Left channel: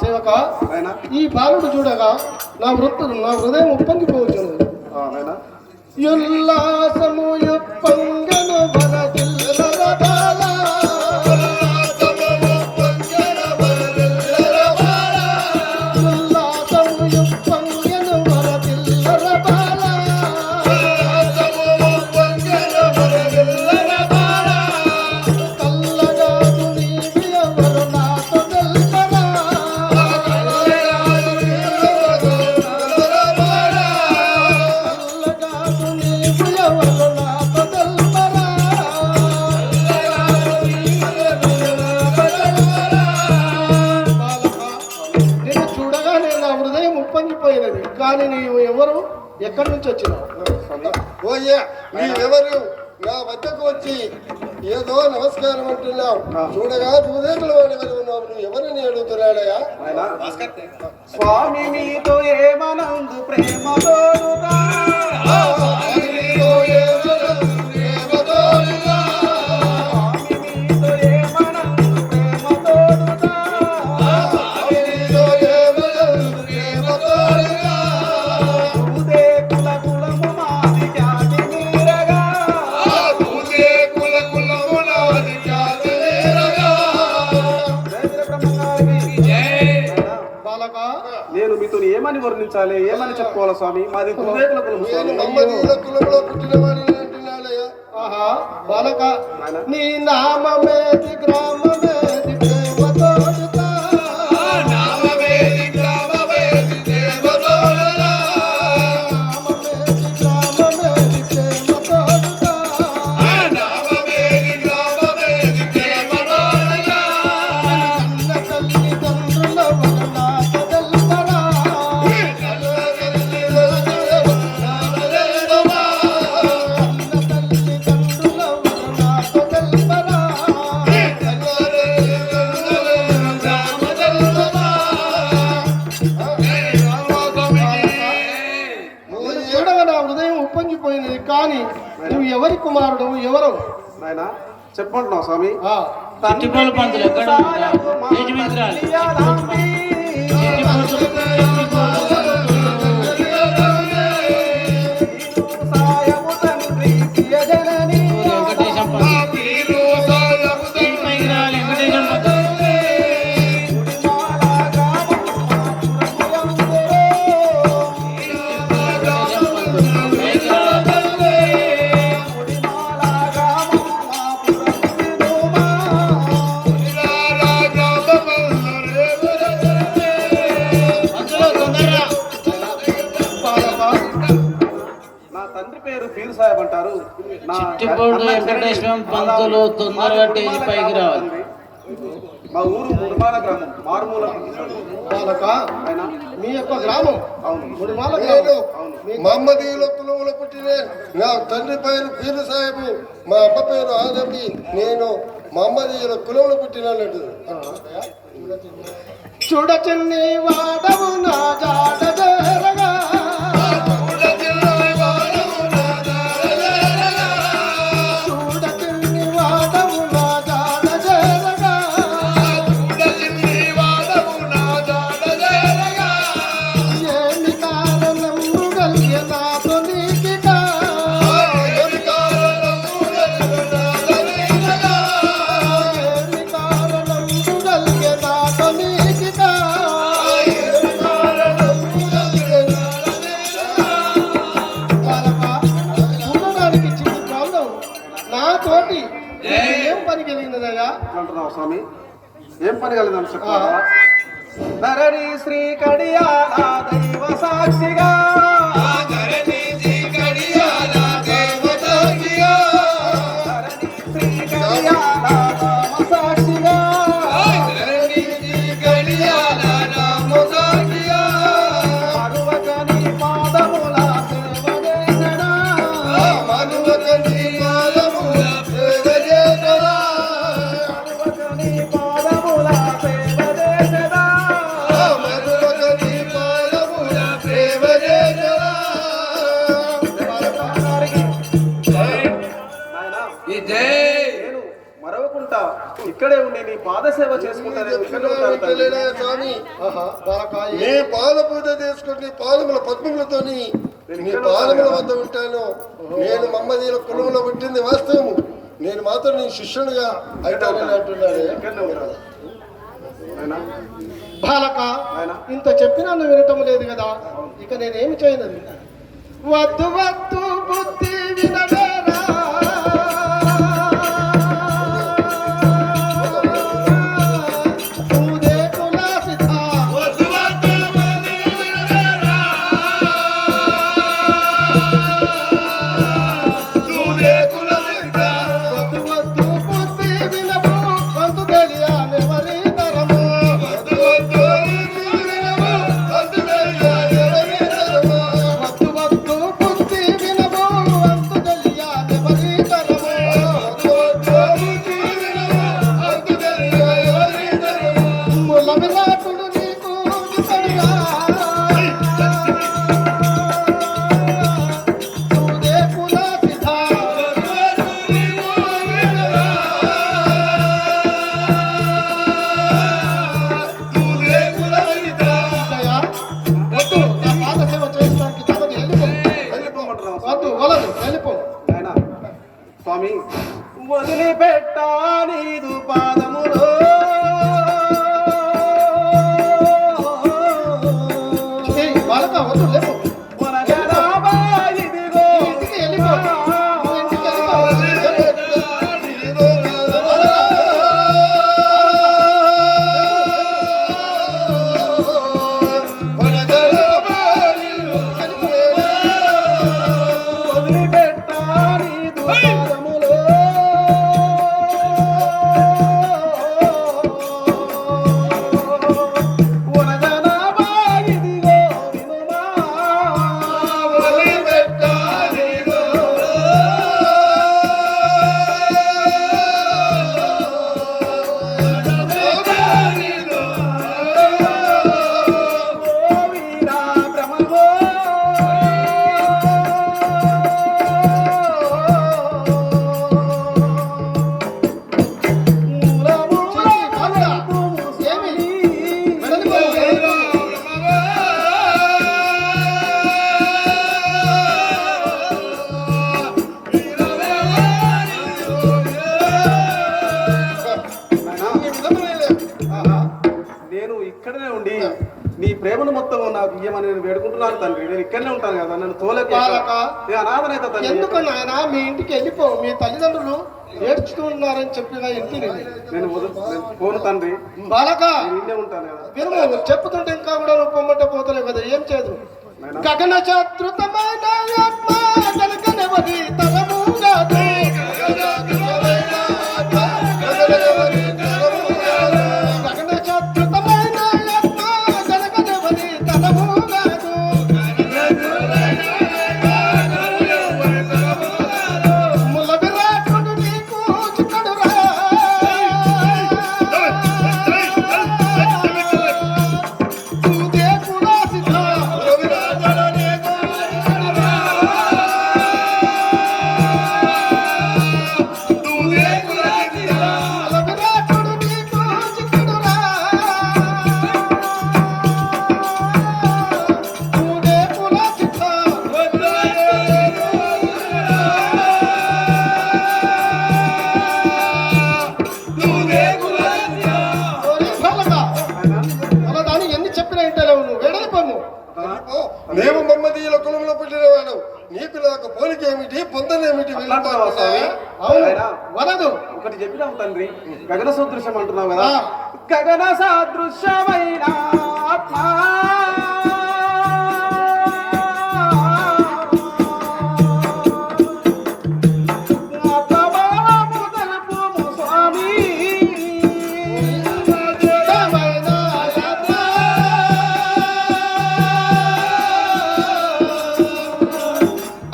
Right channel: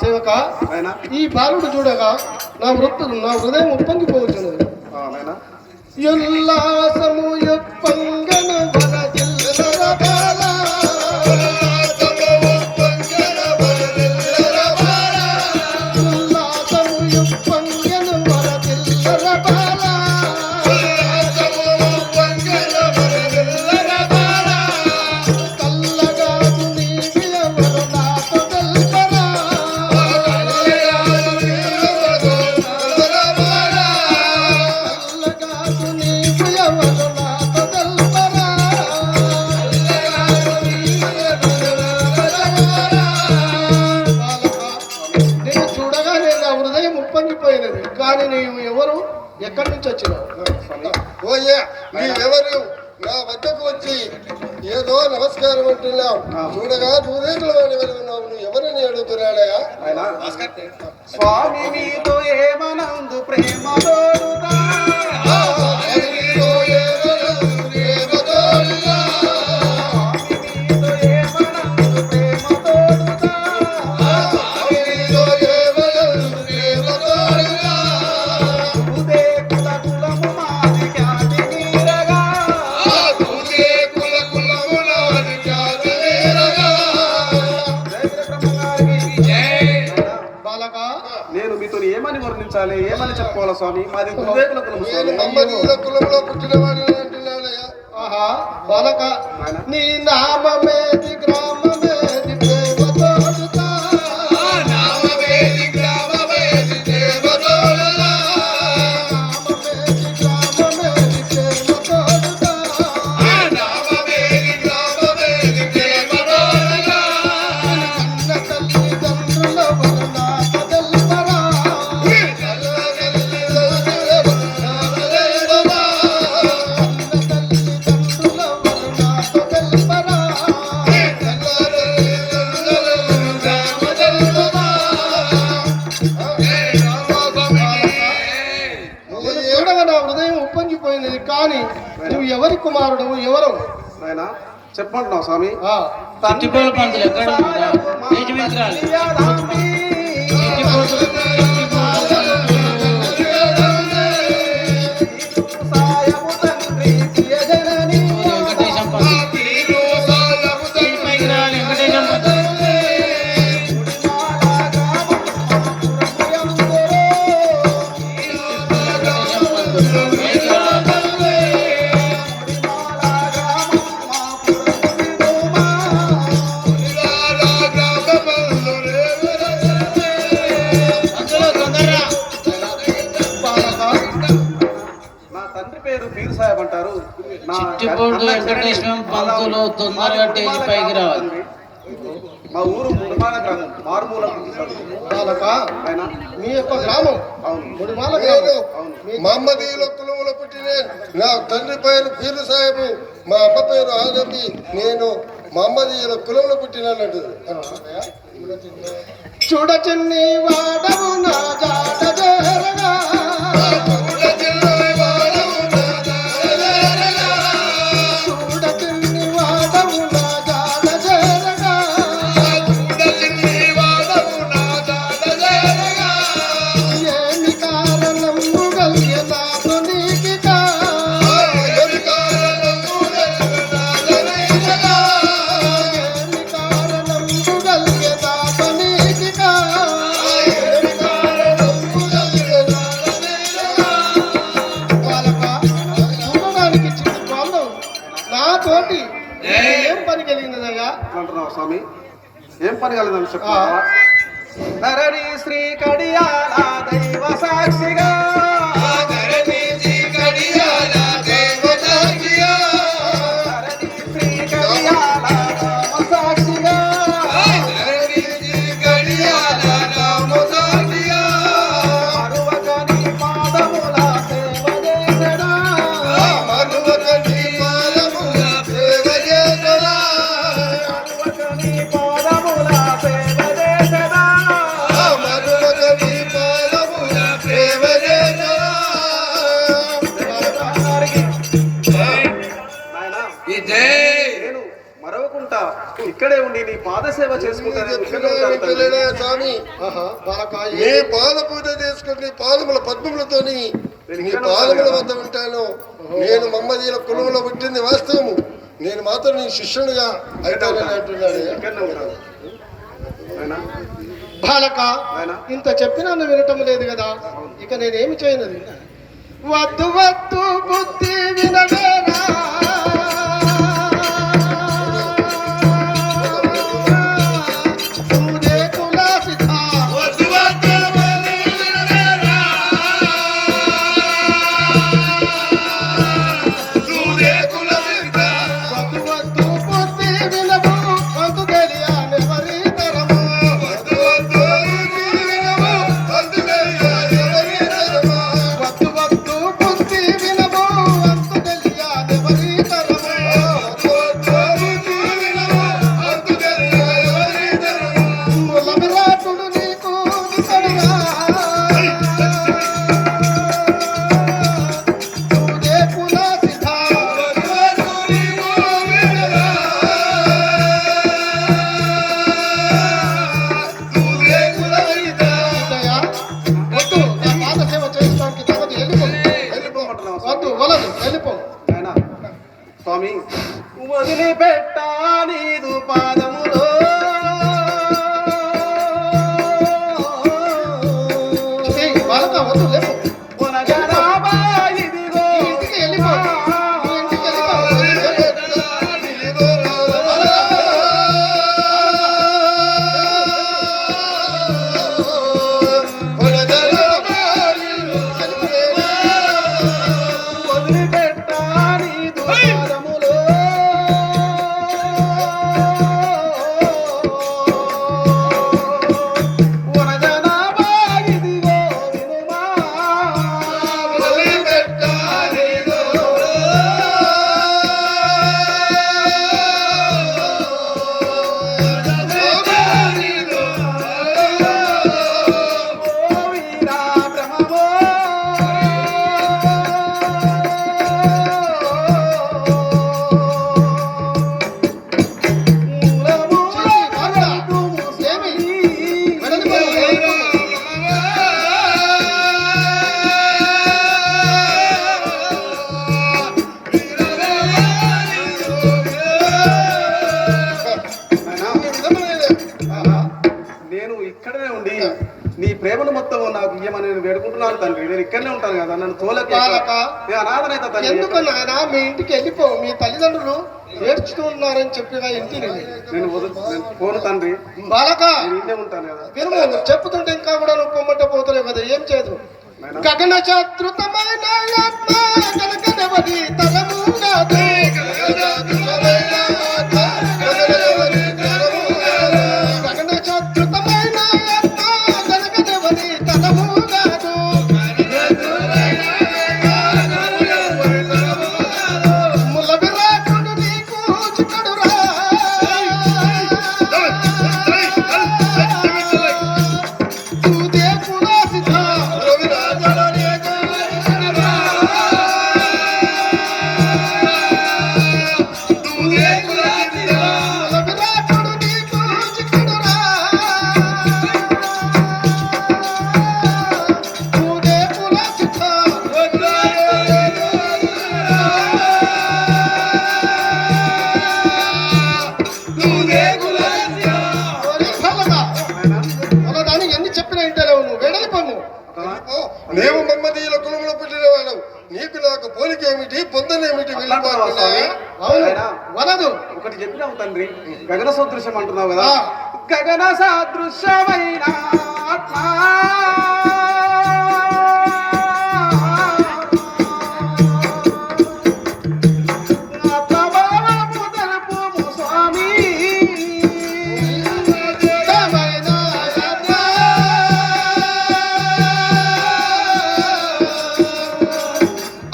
సేవక ఈ బాలుడు చూడగా నా హృదయం ఉప్పొంగిపోతున్నది. ఉల్లాసము ఉప్పొంగన వరదిల్లర బాల పొంగిపోయినది. కానీ నీవు ఎవరు, ఎక్కడి నుంచి వచ్చినావు? ఓయ్యా, నీవెవరు నా వద్దకు వచ్చి ఏదో నమస్కారం అంటున్నావు. చూడగా దూదేకుల వాడి వల్ల ఉన్నావు. నువ్వు ఎవరిని అడుగుతున్నాడయా? స్వామి మీతో ఏమనందు ప్రేమతో నేను మీతో ఏమని వర్ణించాలి, ఏమని చెప్పుకోవాలి స్వామి? మాది కులవేకుల కులము స్వామి. ఆహా బాలక, నీ నామమేది గ్రామమేది ప్రేమతోడుతా ఉప్పొంగిపోయినది. కానీ నువ్వు ఎవరి కుమారుడు, ఎవరు ఆయన చెప్పంటున్నావు స్వామి? మా ఊరు ముడిమాల గ్రామం, మారుమూల మీ యొక్క గ్రామం. అవును, ముడిమాల గ్రామం. మహమ్మదీయుల కులములో పుట్టిన నా తండ్రి పేరు పీరు సాహెబు, మా అమ్మ పేరు ఆదమి. నేను మహమ్మదీయుల కులంలో పుట్టినట్టు. చూడ చిన్ని వాడవు నా జాడ జరగా స్వామి. ఏం పని కలిగిందని చెప్పాలా? ధరణి శ్రీ కడియాల దైవ సాక్షిగా ఉండి నీ పాదసేవ చేసుకుంటాను చెప్తున్నా స్వామి. ఆహా, బాలక నీ పాద పూజ చేసుకుని నీ పాదముల పద్మములతోని నీ పాదముల వద్ద ఉంటాను. నేను మమ్మదీల కులంలో పుట్టింది వాస్తవము. నేను మాత్రం నీ శిష్యునిగా అయితానని అంటున్నాను. బాలక ఇంత చెప్పినా నువ్వు వినటం లేదు కదా, ఇక నేనేమి చేయనది. వద్దు వద్దు బుద్ధి వినవేరా, సూదే కులాసిత. వద్దు వద్దు బుద్ధి వినవేరా, సూదే కులాసిత. వద్దు వద్దు బుద్ధి వినవు, వంతు తెలియాలెవరి తరము. వద్దు వద్దు బుద్ధి వినవు, వంతు తెలియాలెవరి తరము. వద్దు వద్దు బుద్ధి వినవు, వంతు తెలియాలెవరి తరము. వద్దు వద్దు బుద్ధి వినవు, వంతు తెలియాలెవరి తరము. మూల విరాటుడు నీకు విసడుగా, సూదే కులాసిత. వద్దు వద్దు నీకు వినవా, సూదే కులాసిత. ఇతయా, వద్దు, నా పాద సేవ చేసుకోవడానికి తమకు వెళ్ళిపో. వద్దు, వలదు, వెళ్ళిపో. స్వామి వదిలిపెట్టా నీదు పాదములో ఏయ్, బాలక, వద్దు, లేపు. వనజరాబా ఇదిగో ఇంటికి వెళ్ళిపో. నువ్వు ఇంటికి వెళ్ళిపో. వదిలిపెట్టా నీదు పాదములో వనజరాబా ఇదిగో వినుమా. ఓ వీరా బ్రహ్మమో నేను ఇక్కడనే ఉండి నీ ప్రేమను మొత్తం నాకు ఇయ్యమని నేను వేడుకుంటున్నాను తండ్రి. నేను ఇక్కడనే ఉంటాను కదా, నన్ను తోలక బాలక, నేను అనాథనైతే తండ్రి. ఎందుకు నాయనా మీ ఇంటికి వెళ్ళిపో. మీ తల్లిదండ్రులు ఏడ్చుతూ ఉన్నారని చెప్పిన ఇంటిని. నేను పోను తండ్రి, బాలక, నేను ఇన్నే ఉంటాను కదా. వినుము, నువ్వు చెప్పుతుంటే ఇంకా కూడా నువ్వు పొమ్మట పోతలేవు కదా, ఏం చేయదు. గగన శత్రుతమైన ఆత్మ కనకనవది తరము కాదు. గగన శత్రుతమైన ఆత్మ కనకనవది తరము కాదు. ముల విరాటుడు నీకు చిక్కడురా, సూదే కులాసిత. ముల విరాటుడు నీకు చిక్కడురా, సూదే కులాసిత. ఓరి బాలక, మొన్నదాన్ని ఎన్ని చెప్పినా ఇంటలేవు నువ్వు. వెళ్ళిపోము. మేము మమ్మదీల కులంలో పుట్టినవాడు. నీకు నాకు పోలికేమిటి, పొందనేమిటి? అట్లాంటున్నావా స్వామి? అవును, అయినా వలదు. ఒకటి చెప్పినావు తండ్రి, గగన సదృశ్యం అంటున్నావు కదా. ఆ. గగన సదృశ్యమైన ఆత్మ అపమానము తెలుపుము స్వామి. దమైన ఆత్మ,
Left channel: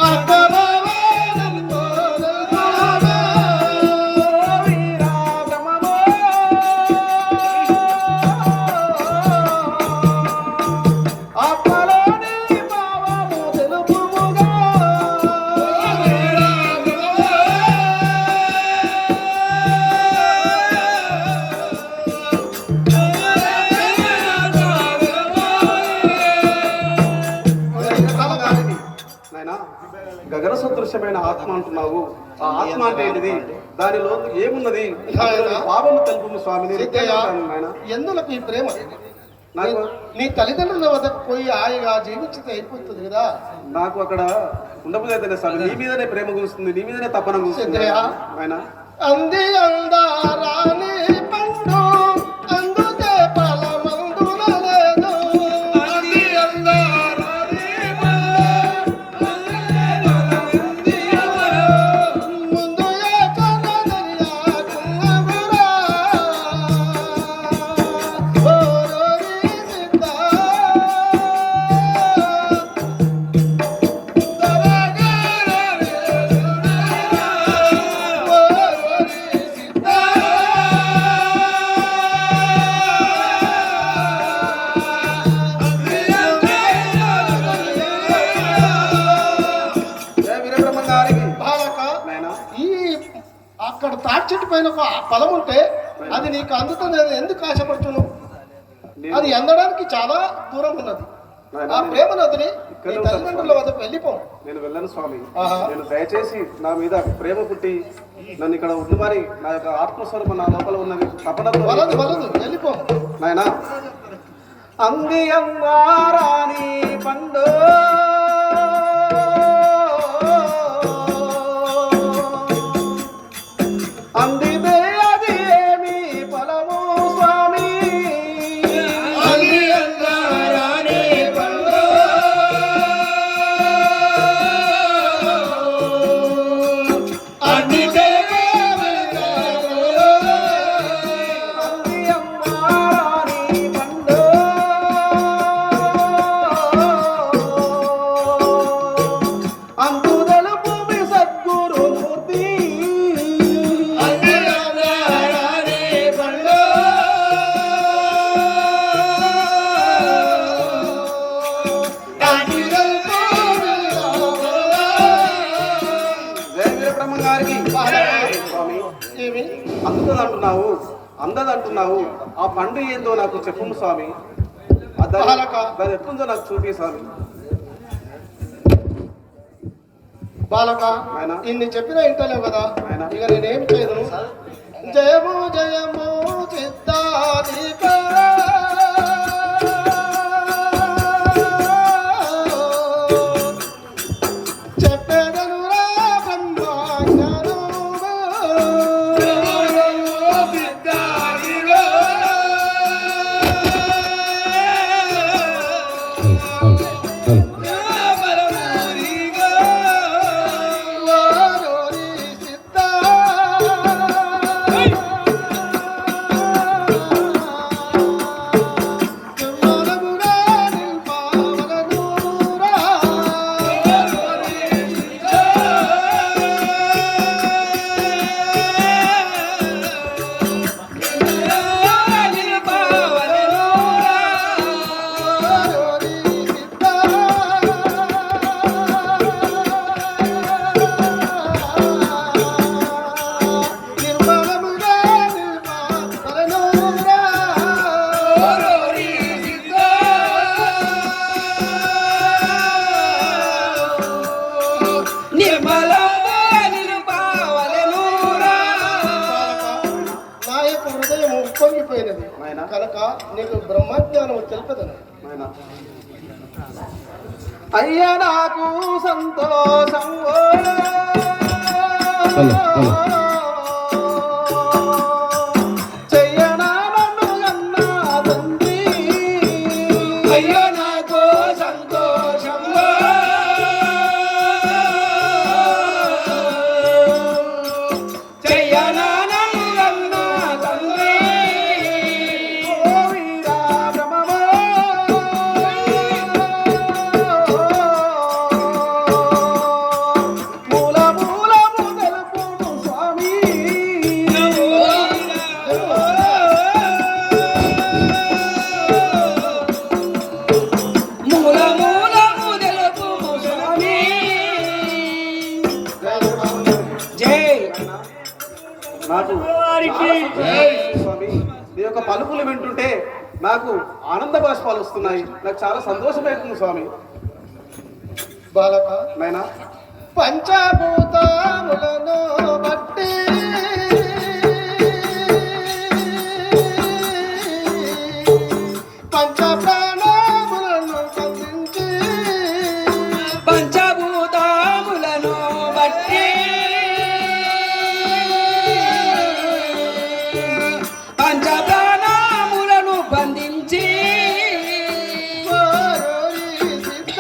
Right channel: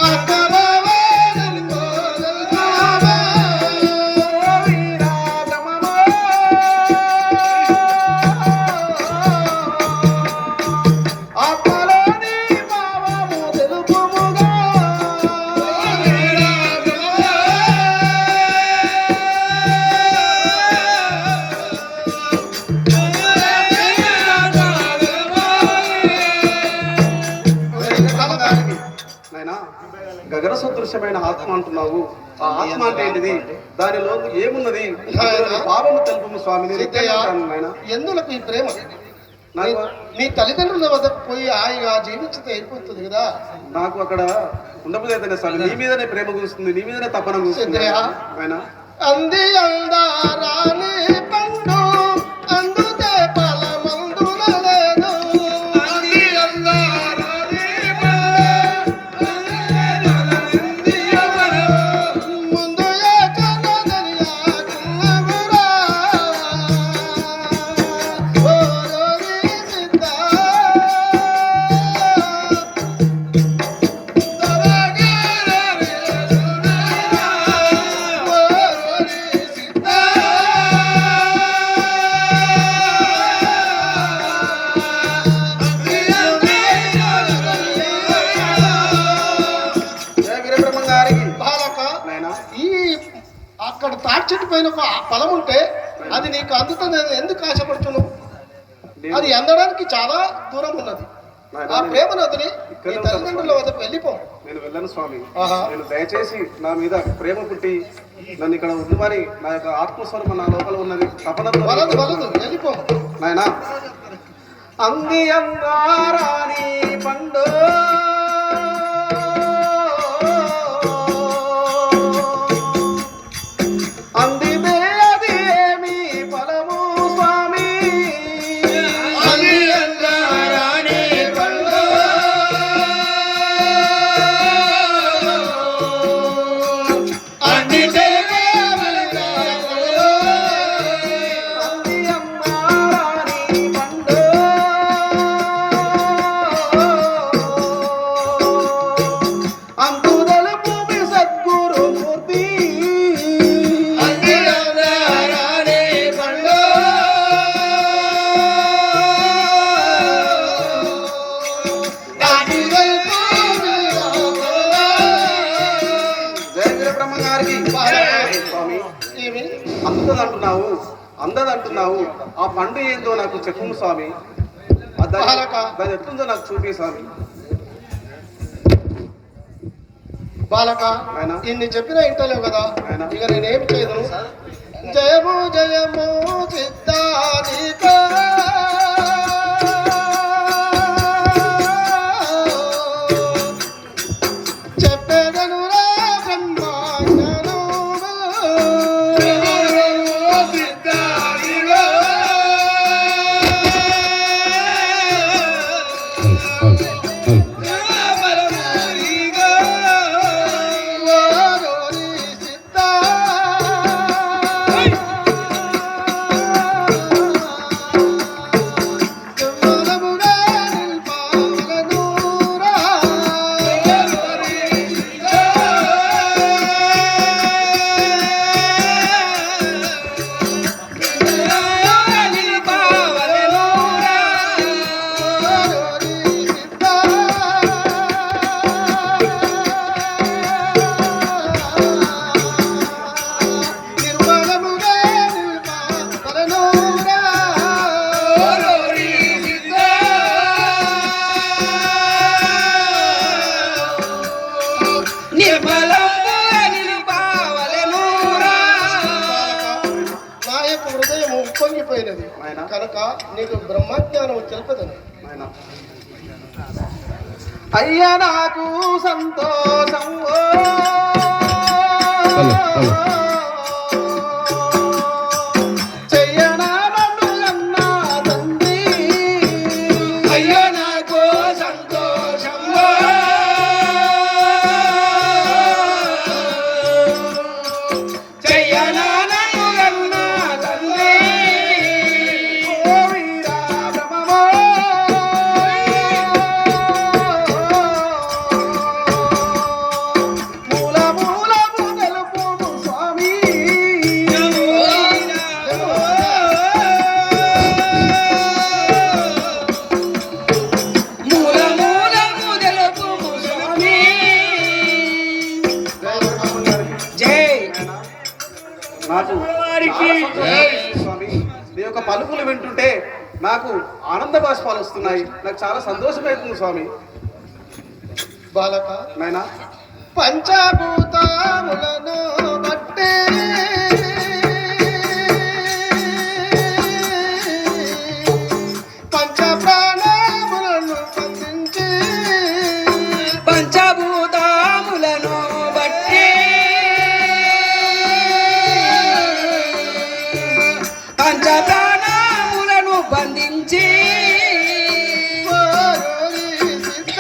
అపరావణం పోలుతావా. ఓ వీరా. బ్రహ్మమో గగన సదృశ్యమైన ఆత్మ అంటున్నావు. ఆ ఆత్మ అంటే ఏంటిది? దానిలో ఏమున్నది? పాపము తెలుపు స్వామి. నేను సిద్ధయ్య, నాయన. ఎందులకు ఈ ప్రేమ? నాకు నీ తల్లిదండ్రుల వద్దకు పోయి ఆయన జీవించితే అయిపోతుంది కదా. నాకు అక్కడ ఉండబోదే స్వామి. నీ మీదనే ప్రేమ కూస్తుంది, నీ మీదనే తపన కూస్తుంది సిద్ధయ్య, ఆయన. అంది అందారాని పండు అందుతే ఫలమందున లేదు. అంది అందారాని ముందు ఏకనదనియాకున్నగురా. ఓరోరి సిద్ధ జయ వీరబ్రహ్మ గారికి బాలక, నాయన. ఈ అక్కడ తాటి చెట్టు పైన ఒక ఫలం ఉంటే అది నీకు అందుతుంది ఎందుకు ఆశపడుతున్నావు? అది అందడానికి చాలా దూరం ఉన్నది. ఆ ప్రేమ నదిని నీ తల్లిదండ్రుల వద్దకు వెళ్ళిపో. నేను వెళ్ళను స్వామి. ఆహా. నేను దయచేసి నా మీద ప్రేమ పుట్టి నన్ను ఇక్కడ ఉండుమని నా యొక్క ఆత్మస్వరూపం నా లోపల ఉన్నది తపనతో వలదు వలదు వెళ్ళిపో. నాయన. అంది అమ్మారాణి పండు అందితే అది ఏమి ఫలము స్వామి. అంది అందారాణి పండు అందితే అంది అమ్మారాణి పండు అందు తెలుపు మీ సద్గురు మూర్తి. అంది అందారాణి పండు అందితే జయ వీరబ్రహ్మ గారికి స్వామి. ఏమి అందదంటున్నావు, అందదంటున్నావు. ఆ పండు ఏందో నాకు చెప్పు స్వామి. దాని ఎట్లుందో నాకు చూపి స్వామి. బాలక, ఆయన. ఇన్ని చెప్పినా ఇంటలేవు కదా. ఆయన. ఇక నేనేం చేయను. జయము జయము చిత్తానిక చెప్పెదను రా బ్రహ్మాజ్ఞానము. ఓరోరి సిద్ధ నిర్మలముగా నిల్పవలెనురా. ఓరోరి సిద్ధ నిర్మలముగా నిల్పవలెనురా. నా యొక్క హృదయం ఉప్పొంగిపోయినది నాయనా. కనుక నీకు బ్రహ్మజ్ఞానం తెలుపదని. నాయన. అయ్యా నాకు సంతోషం చెయ్యనా నన్ను అన్నా తండ్రి. అయ్యో నాకు సంతోషం చెయ్యనా నన్ను కన్నా తండ్రి. ఓ వీరా బ్రహ్మమో. మూల మూలము తెలుపుము స్వామి. మూలమూలము తెలుపుము స్వామి. జై నాకు స్వామి నీ యొక్క పలుకులు వింటుంటే నాకు ఆనంద బాష్పాలు వస్తున్నాయి. నాకు చాలా సంతోషమవుతుంది స్వామి. బాలక, నాయనా. పంచభూతములను బట్టి పంచ ప్రాణములను బంధించి పంచభూతములను బట్టి పంచ ప్రాణములను బంధించి ఓరోరి సిద్ధ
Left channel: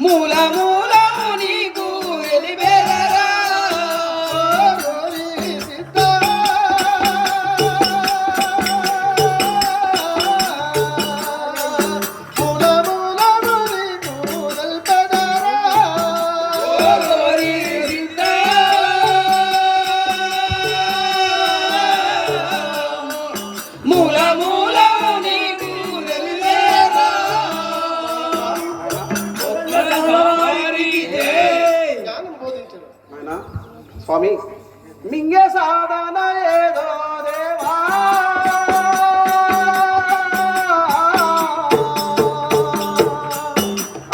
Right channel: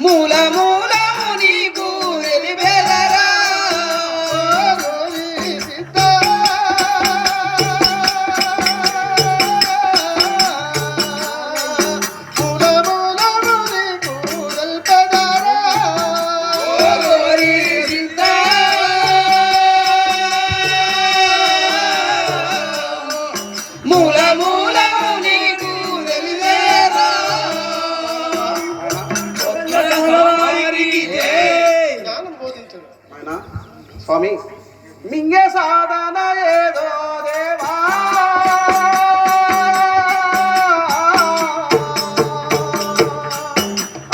మూల మూలము నీకు వెలివెదరా ఓరోరి సిద్ధ మూల మూలము నీకు వెలివెదరా జ్ఞానం బోధించడు. ఆయన స్వామి మింగే సాధన ఏదో దేవా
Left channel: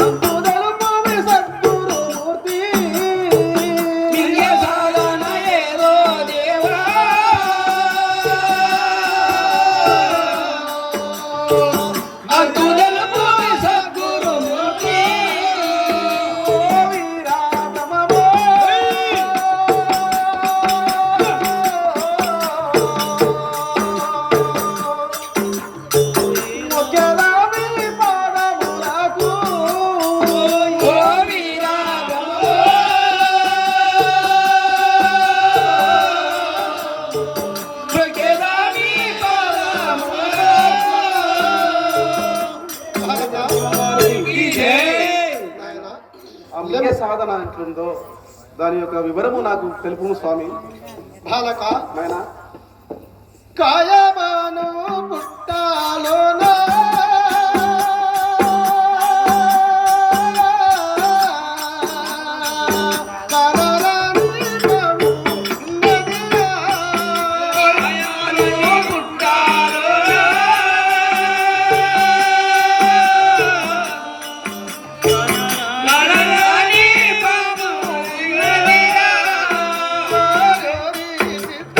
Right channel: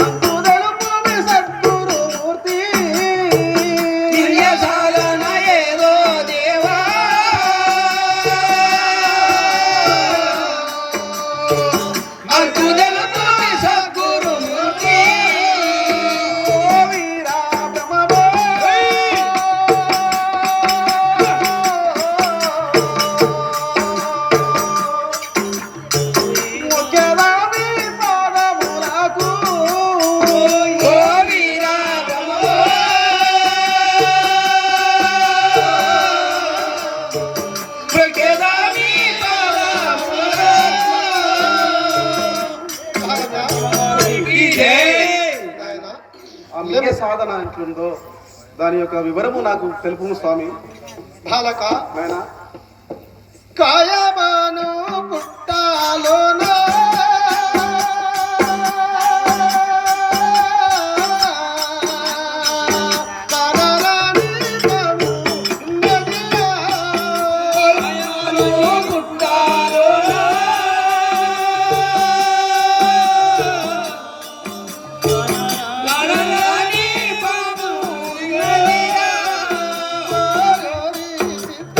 అంతు తెలుపు సద్గురుమూర్తి సాధన ఏదో దేవా అంతు తెలుపు సద్గురుమూర్తి ఓ వీరా బ్రహ్మమో. మొక్కేదాని పాదములకు ఓ వీరాగమో ప్రకేదాని నాయనా, ఆ మింగే సాధన ఎట్లుందో దాని యొక్క వివరము నాకు తెలుపు స్వామి. బాలక నాయనా కాయమాను పుట్టాలోనా కనరాని బాబు ఉన్నదిరా. ఓరోరి సిద్ధ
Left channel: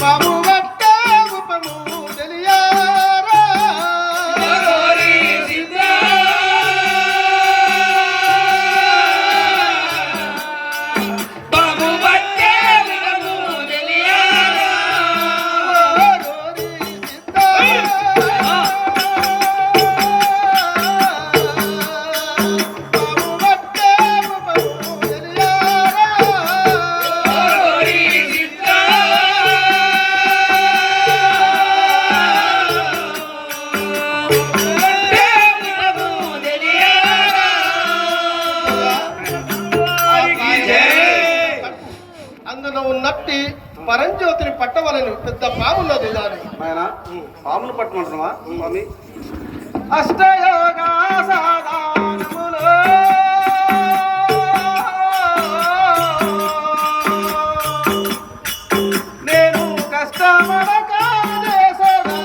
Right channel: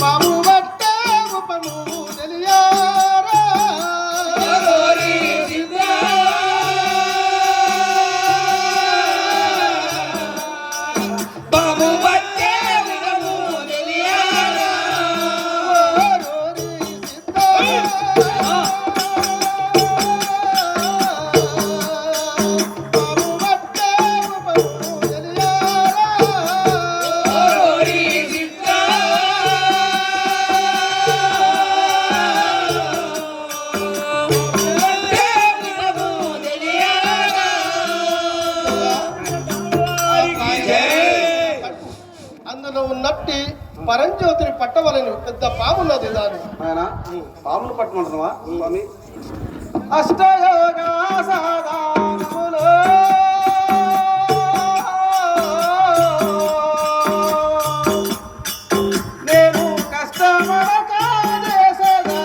బాబు వట్ట ఉపము తెలియారా బాబు బట్టే విడము తెలియారా ఓరోరి సిద్ధ బాబు వట్ట ఉపము తెలియారా ఓరోరి సిద్ధ బట్టే విడము తెలియారా అందులో ఉన్నట్టి పరంజ్యోతిని పట్టవలను పెద్ద పామున్నది దాని ఆయన పామును పట్టుకుంటున్నావా స్వామి? అష్టయోగా సాధన